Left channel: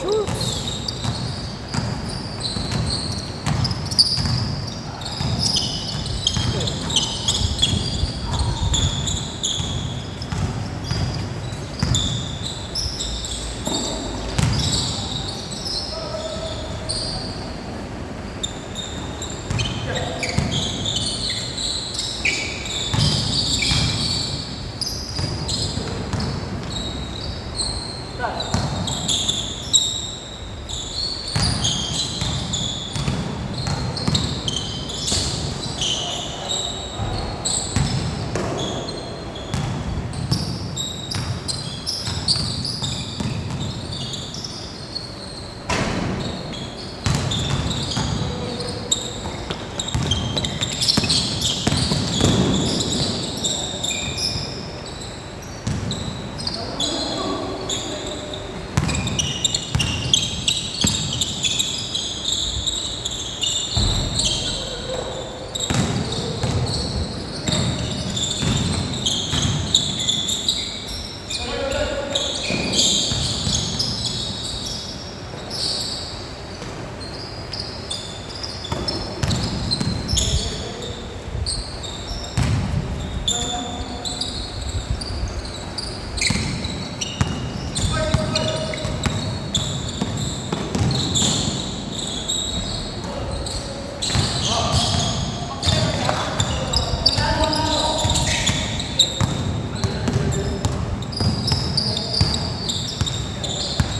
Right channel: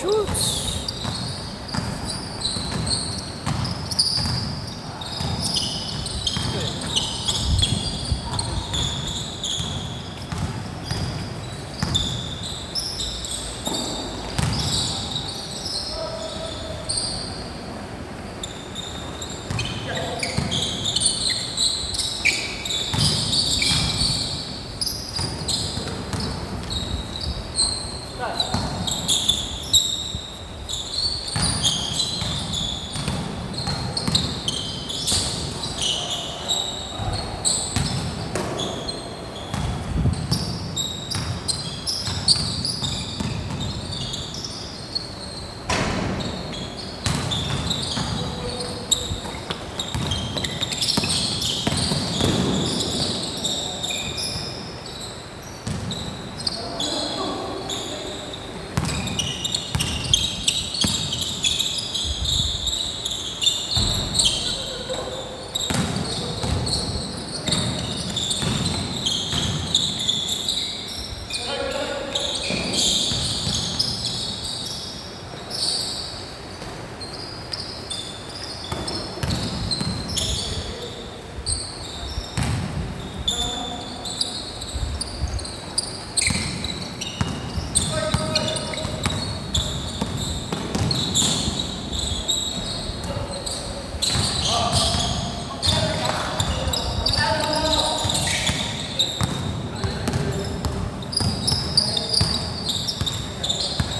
Shoots.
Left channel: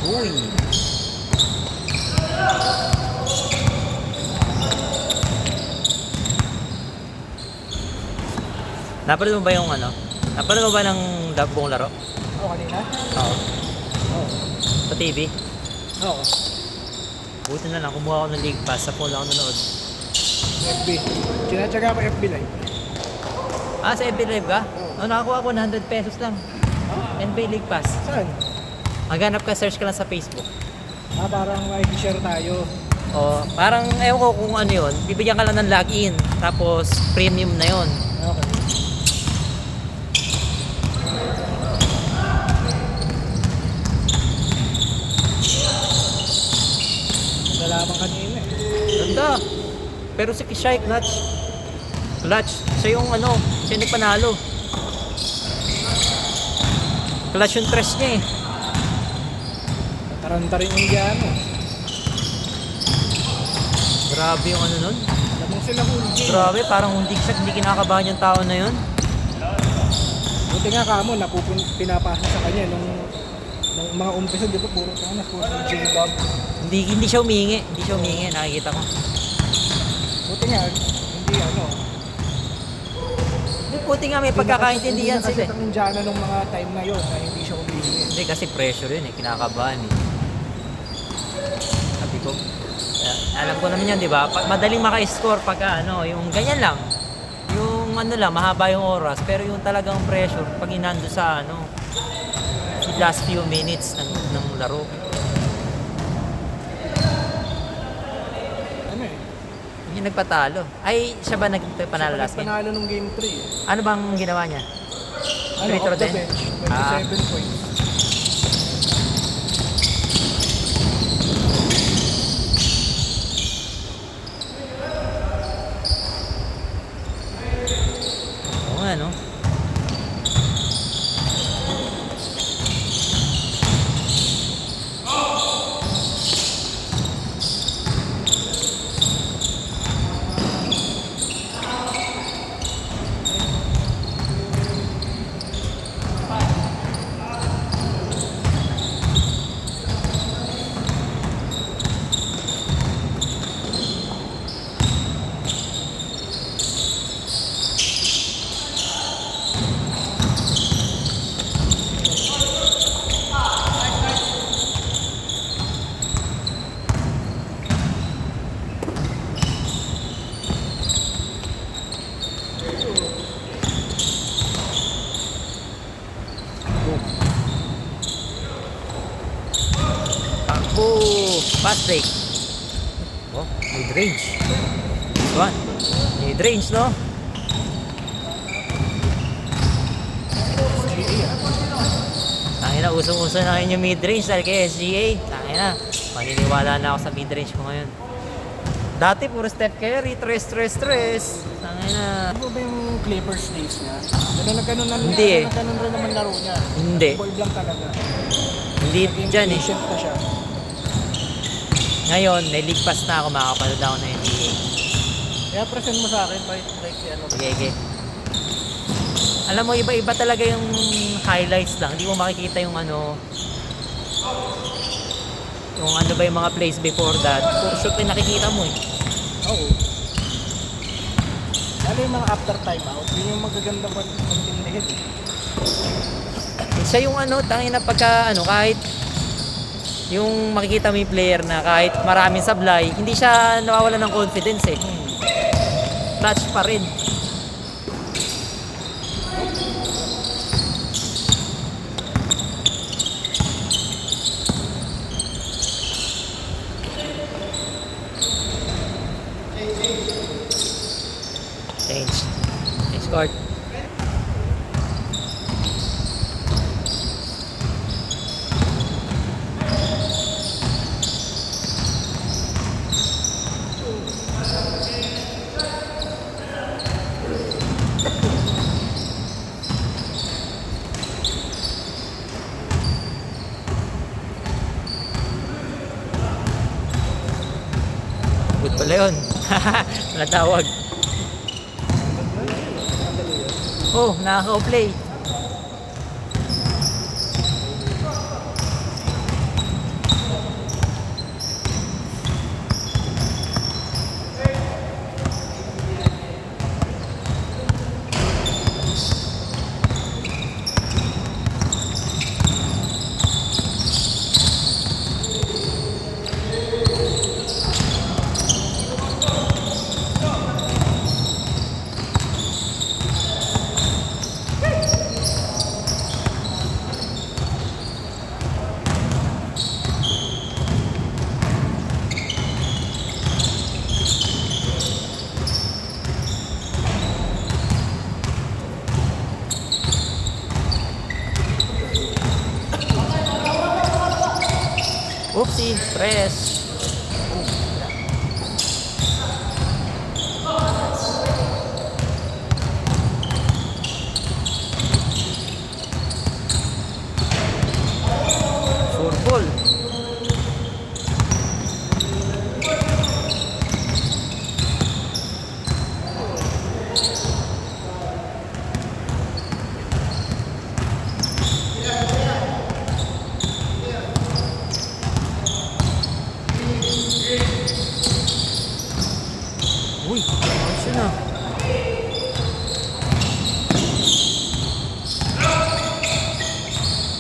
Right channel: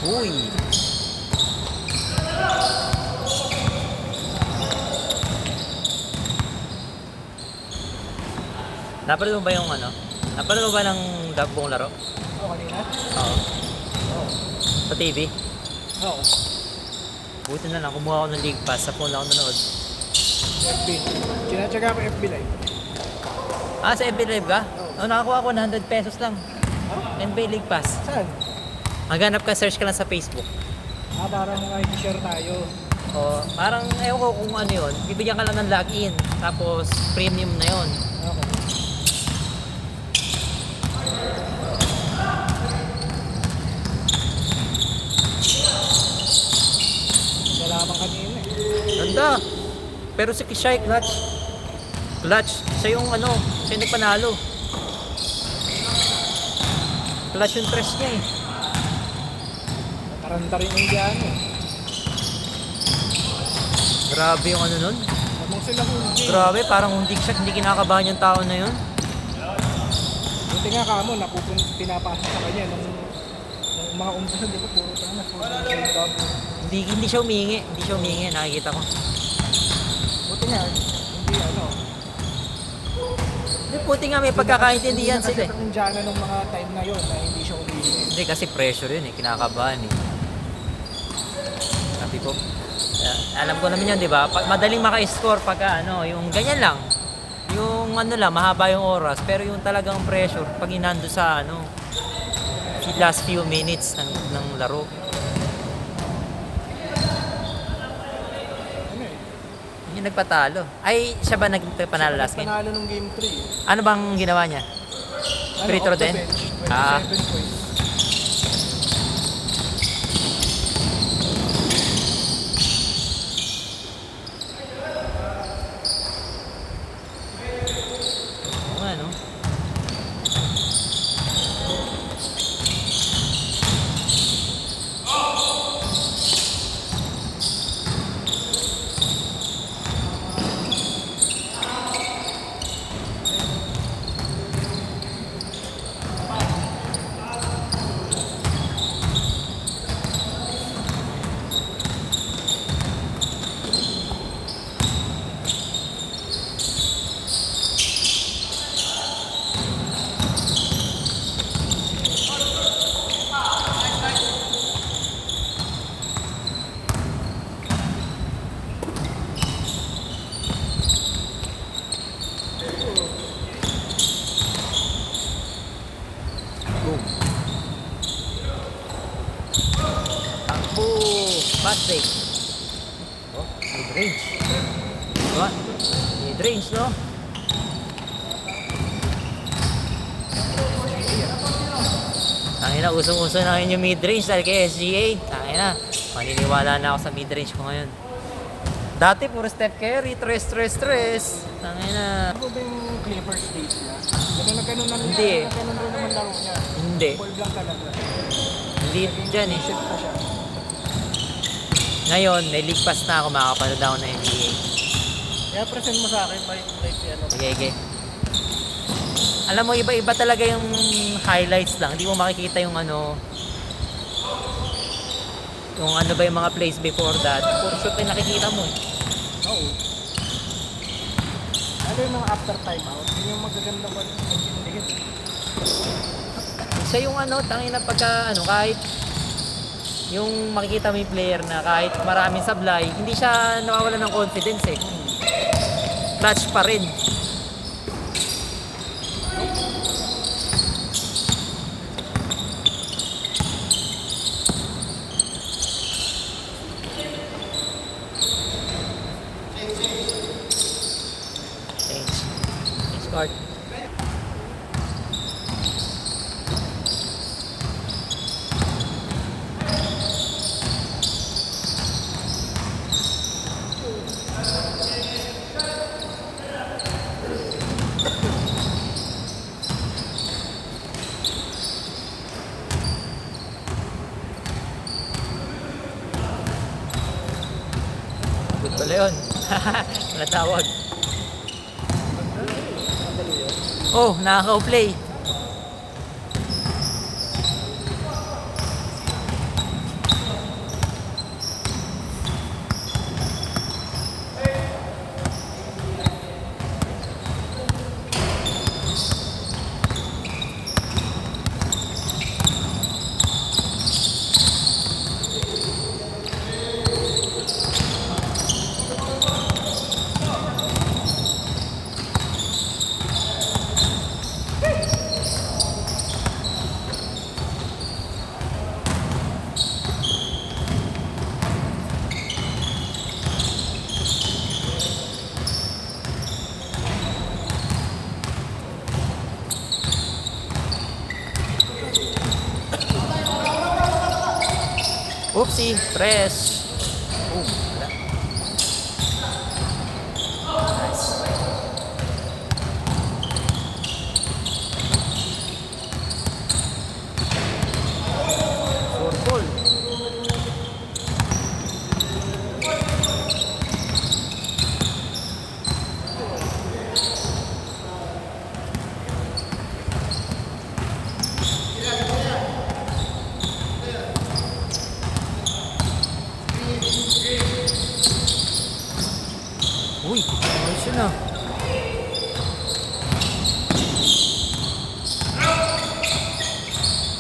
Uy. Napanood mo ba yung ano? Napanood mo ba ng buong laro? Oo, kanina? Oo. Oo. Sa TV? Oo. Buti na lang, kumuha ako ng League Pass. Sa phone lang ako nanood. FB. Sinatsaga ko FB Live. Ah, sa FB Live ka? Oo. Oo, nakakuha ko 100 pesos lang. Ha? NBA League Pass. Saan? Maghanap ka, search ka lang sa Facebook. Parang may share tayo. O, parang, ewan ko kung ano yun. Bibigyan ka lang ng login. Tapos, premium na yun. Okay. Nagalaman kanina eh. Ganda. Pero si Kishay, clutch. Clutch. Siya yung ano, siya yung nagpanalo. Clutch yung press niya eh. Nakaranta rin yung Indiano. Grabe yung ano nun. Lamang sila kung hindi. Grabe, parang hindi kinakabahan yung tao na yun. Buti nga kamo, pinapasa sa kanya nung mga umpisa, di ba? Puro ka na, puro jump. Hindi siya humingi. Hindi siya humingi, nakikita ko. Buti nga, hindi ano. Buti nga may pagkakaintindihan Hindi sila eh. nakasya sa Indiana nung mga time na yon na hindi siya umihingi. Hindi kasi pressure yun eh, kinakabahan eh. Sabi ko, alam ko naman yan, di ba? Madaling maka-score pagka ano, yung ganyan lang. Yung ano lang, mahaba yung oras, pero yung talagang pressure, pag inando sa ano, last few minutes ng laro. Ano eh? Yung nagpatalo. Ay, siya ba nagpanalo last game? Panalo nung game 3. Ano bang ginawa niya? Free throw din? 27 points. Oo nga, no? Fast break. Oh, mid-range. This one. Mid-range, no? Ayun na, usong-uso na rin yung mid-range dahil kay SGA. Ayun na, paniniwala na ako sa mid-range ko ngayon. Dati puro Steph Curry, tres. Ayun na. Ano ba yung Clippers days niya? Ganun na Hindi eh. Ganun rin naman laro niya. Hindi. Ball blank talaga. Hindi dyan eh. Patient pa siya. Ngayon, may league pass na ako, makakapanood ako ng NBA. Kaya present mo sa akin, like ano. Sige. Alam mo, iba-iba talaga yung highlights lang. Hindi mo makikita yung ano, kung ano ba yung mga plays before that. Puro shoot yung nakikita mo eh. Oo. Ano yung mga after time out? Yun yung magaganda pa intindihin. Siya yung ano, tangin na pagka ano, kahit yung makikita mo yung player na kahit maraming sablay, hindi siya nawawala ng confidence eh. Clutch pa rin. Change court. Good pala yun. Natawag. Oh, nakaka-play. Oopsie, tres. Sure ball. Uy, ayos yun ah.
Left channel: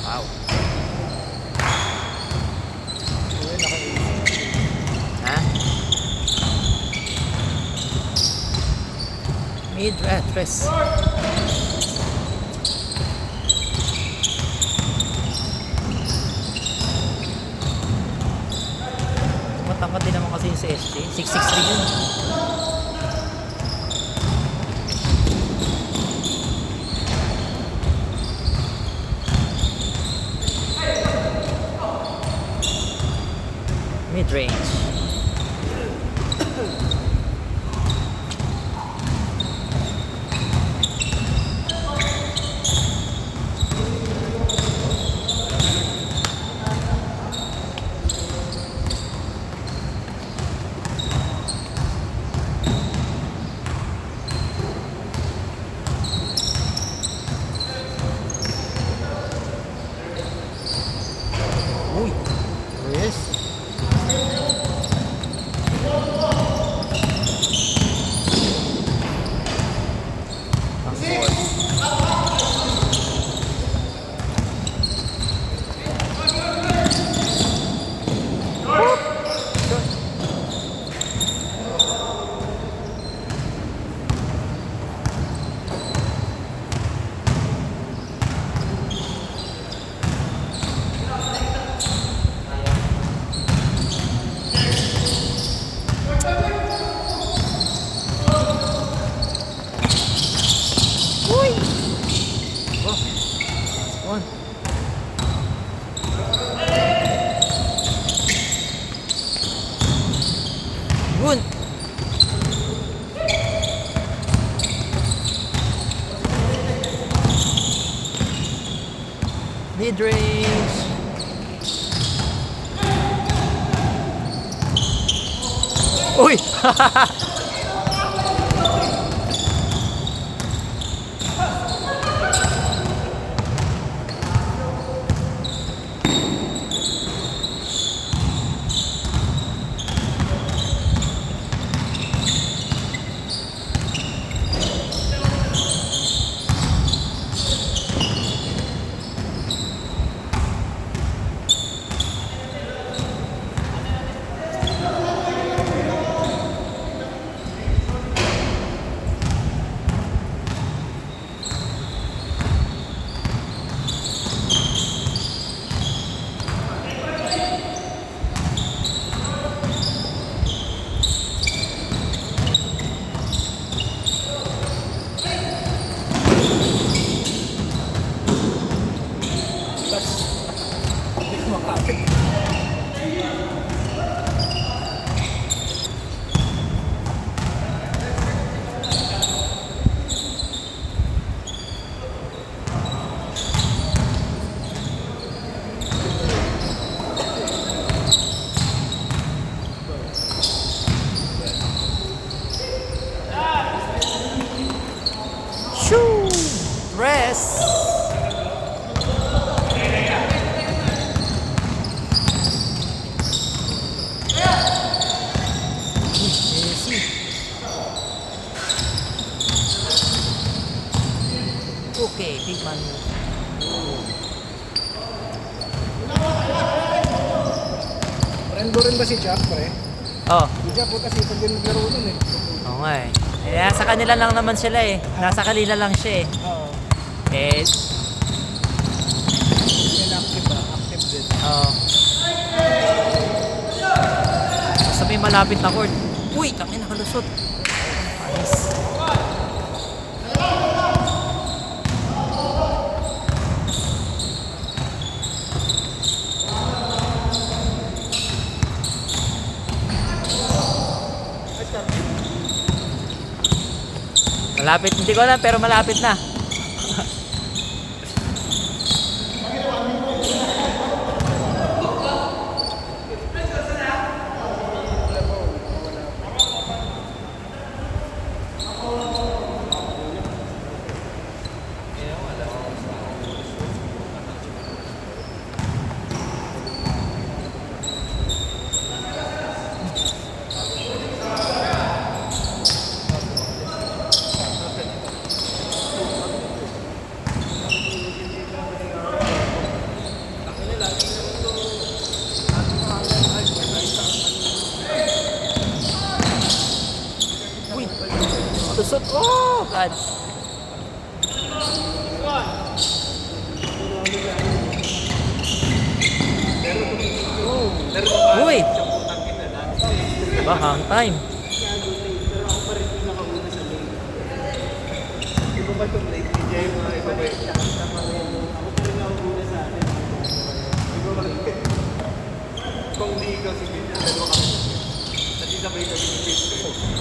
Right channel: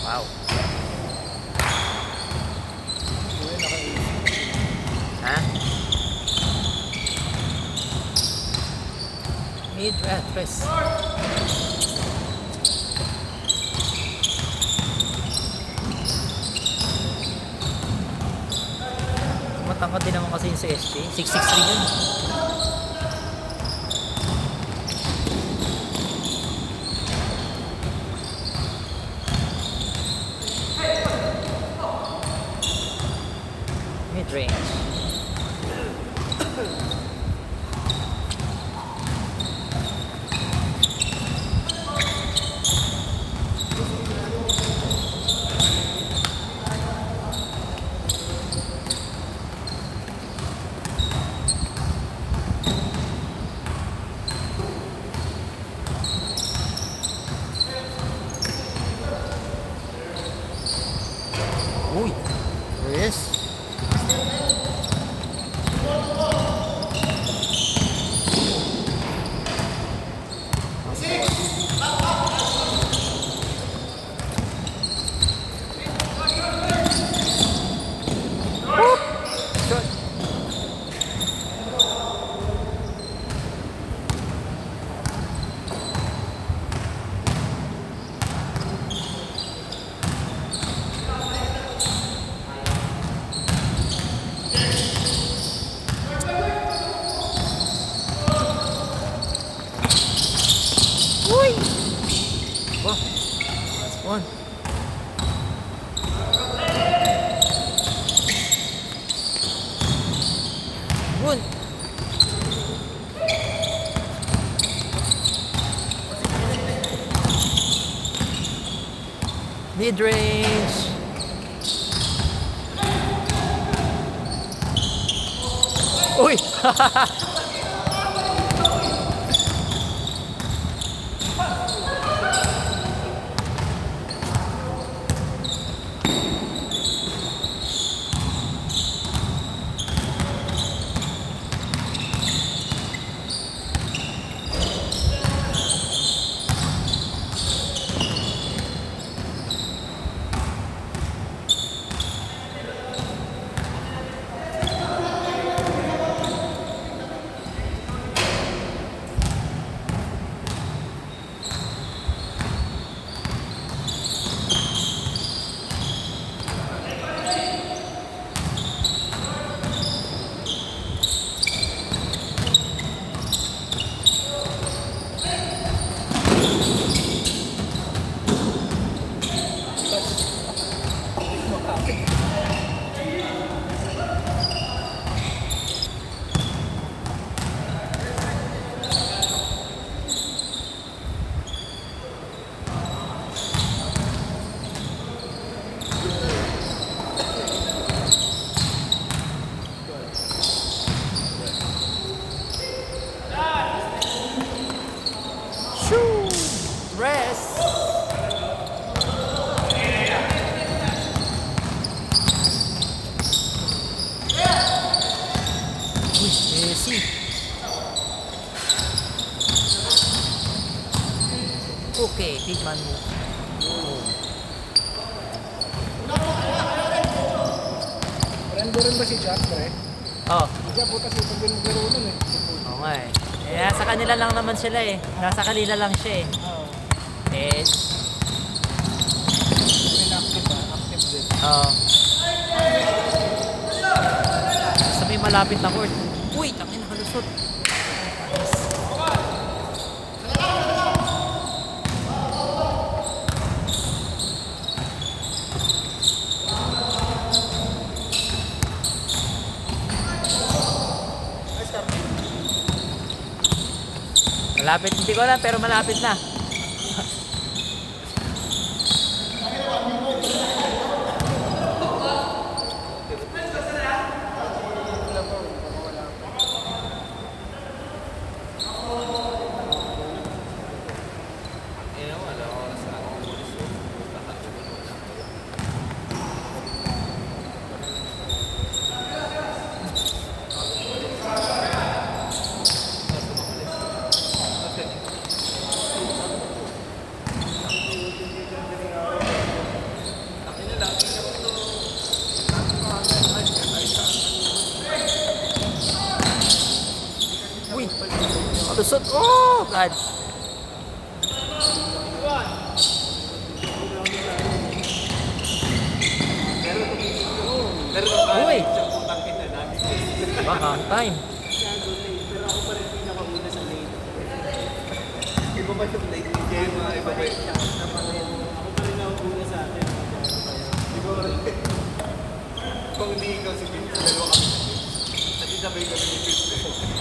Wow. Uy, Ha? Mid, tres. Matangkad din naman kasi yung si SJ. 6'6" din. Mid-range. Uy, yes. mid-range. Uy! Shoo! Rest! Easy. Okay, tigman mo. Rendo rin ba si Jack, pre? Oh, Si Jack, kasi ito din naglaro nun eh. oo nga eh. Kaya sa kanila lang naman sila eh. Nasa kanila lang siya eh. Oo. Eh, Yan active ba? Active din. oo. Sa may malapit na court. Uy, tangin nakalusot. Malapit, hindi ko alam pero malapit na. Uy, lusot. Oh, God. Uy! Baka ang time.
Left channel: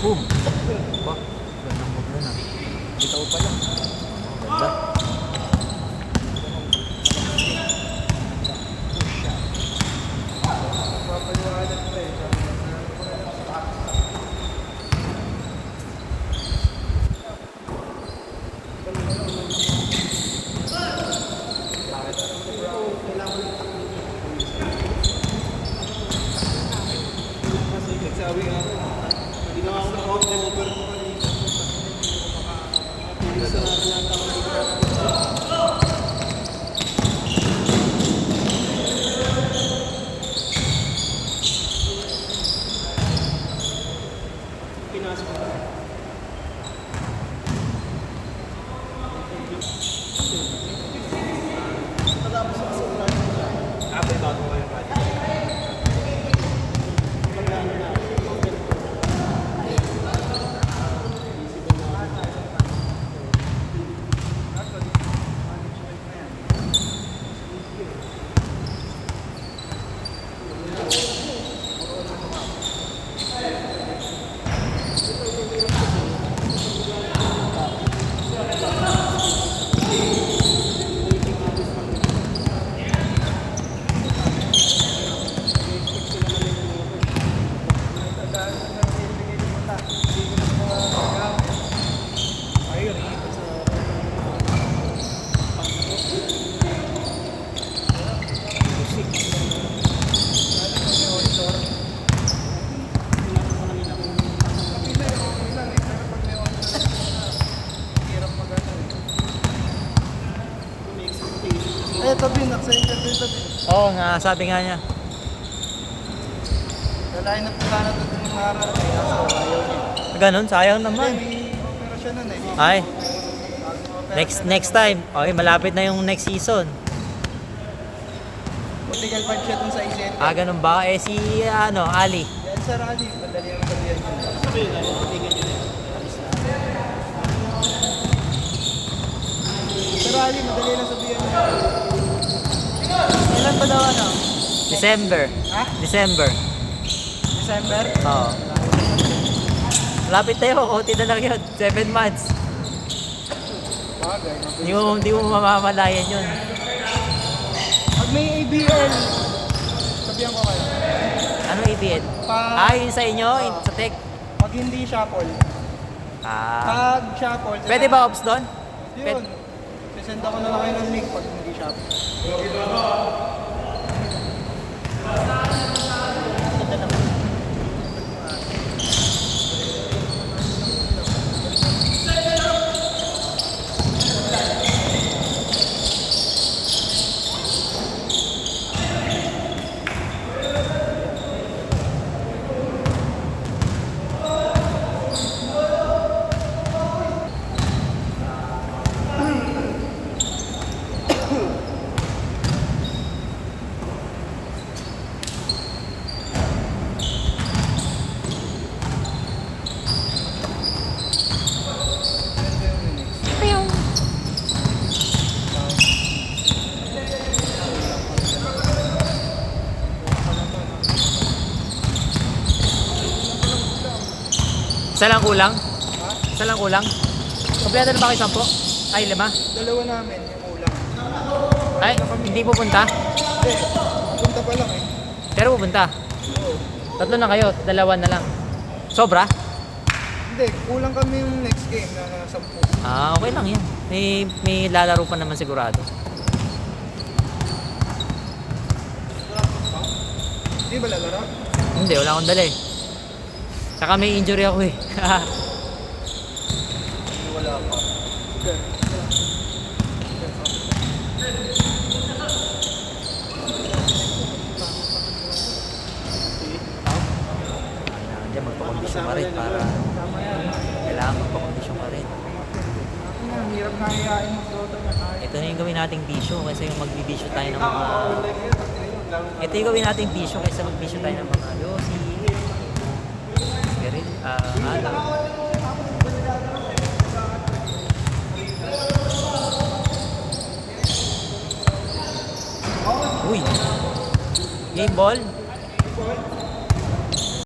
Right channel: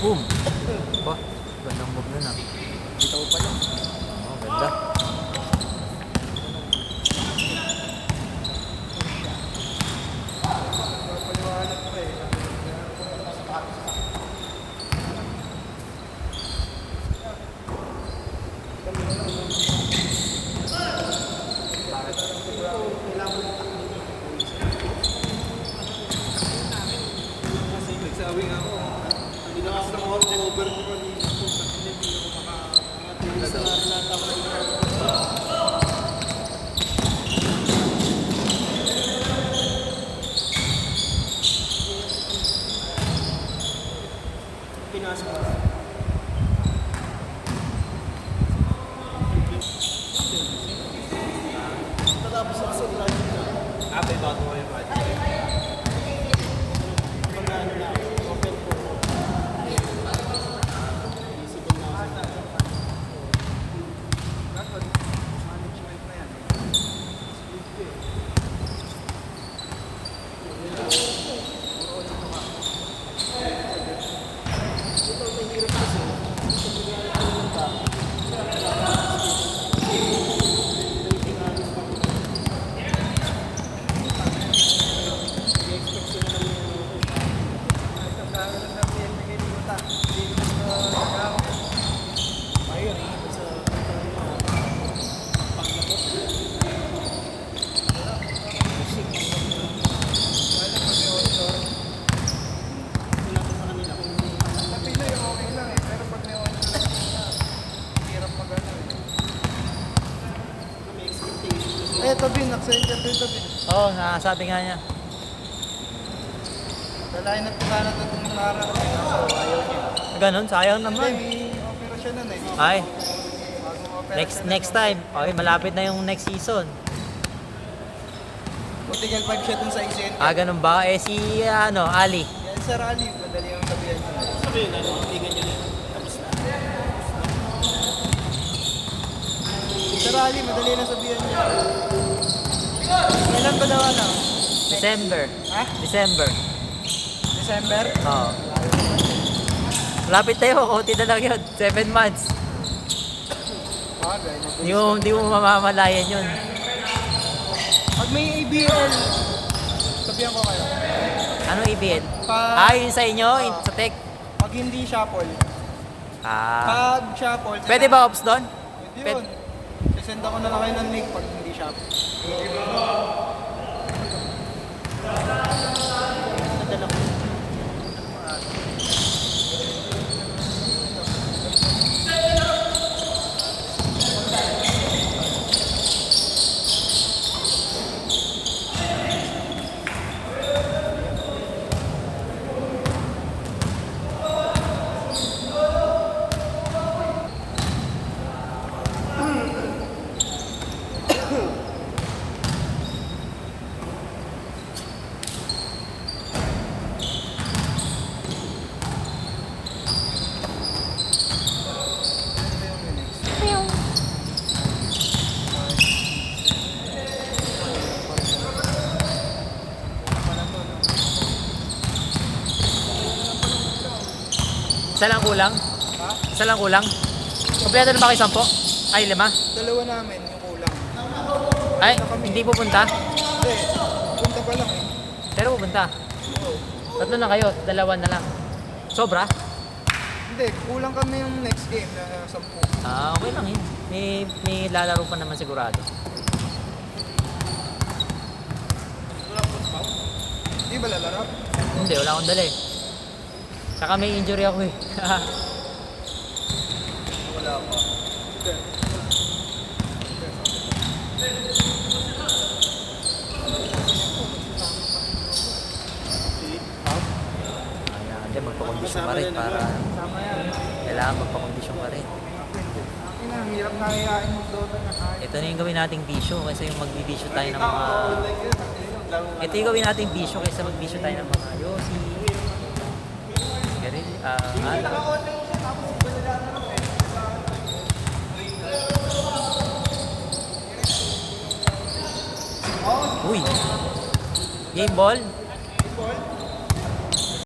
Boom! Ba? Gandang mag muna. Bitaw pa lang. Ganda. Papaliwanag pre. Sabi nga ako, hindi na ako naka-over ko kanina. Sa lahat ako Pinas pa. Oo nga, sabi nga niya. Dalahin na po sana doon ng Mara. Kaso ayaw niya. Ganun, sayang Hindi, naman. may operasyon nun eh. Ay, Bagong operasyon next time. Okay, malapit na yung next season. Matigal pag siya dun sa isin. Ah, ganun ba? Eh si, Ali. Yan sa rally, madali ang sabihan ko. Sa rally, madali lang sabihan niya. Kailan ba daw ano? December. Ha? December. December? Oo. Lapit tayo, konti na lang yun. 7 months. Yung di mo mamamalayan yun. Pag may ABL, sabihan ko kayo. Ano EBN? Ah, yun sa inyo? Sa tech? Pag hindi shuffle. Ah. Pag shuffle. Pwede ba ops doon? Yun. Sasend ako na kayo ng link pag hindi shuffle. Isa lang kulang? Isa lang kulang? Kompleto na ba kayo 10? Ay, 5? Dalawa namin yung ulan. Ay, hindi pupunta? Hindi, punta pa lang eh. Pero pupunta. Oo. 3 na kayo, 2 na lang. Sobra? Hindi, kulang kami yung next game na 10. Ah, okay lang yan. May lalaro pa naman sigurado. Hindi ba lalaro? Hindi, wala akong dala eh. Saka may injury ako eh. Wala pa. Hindi. Kailangan magpakondisyon ka rin para... Kailangan magpakondisyon ka rin. Yun ang hirap na hayain mo po. Ito na yung gawin nating tissue kasi mag-tissue tayo ng mga... Ito yung gawin nating tissue kasi mag-tissue tayo ng mga yosi, alam. Uy! Game ball?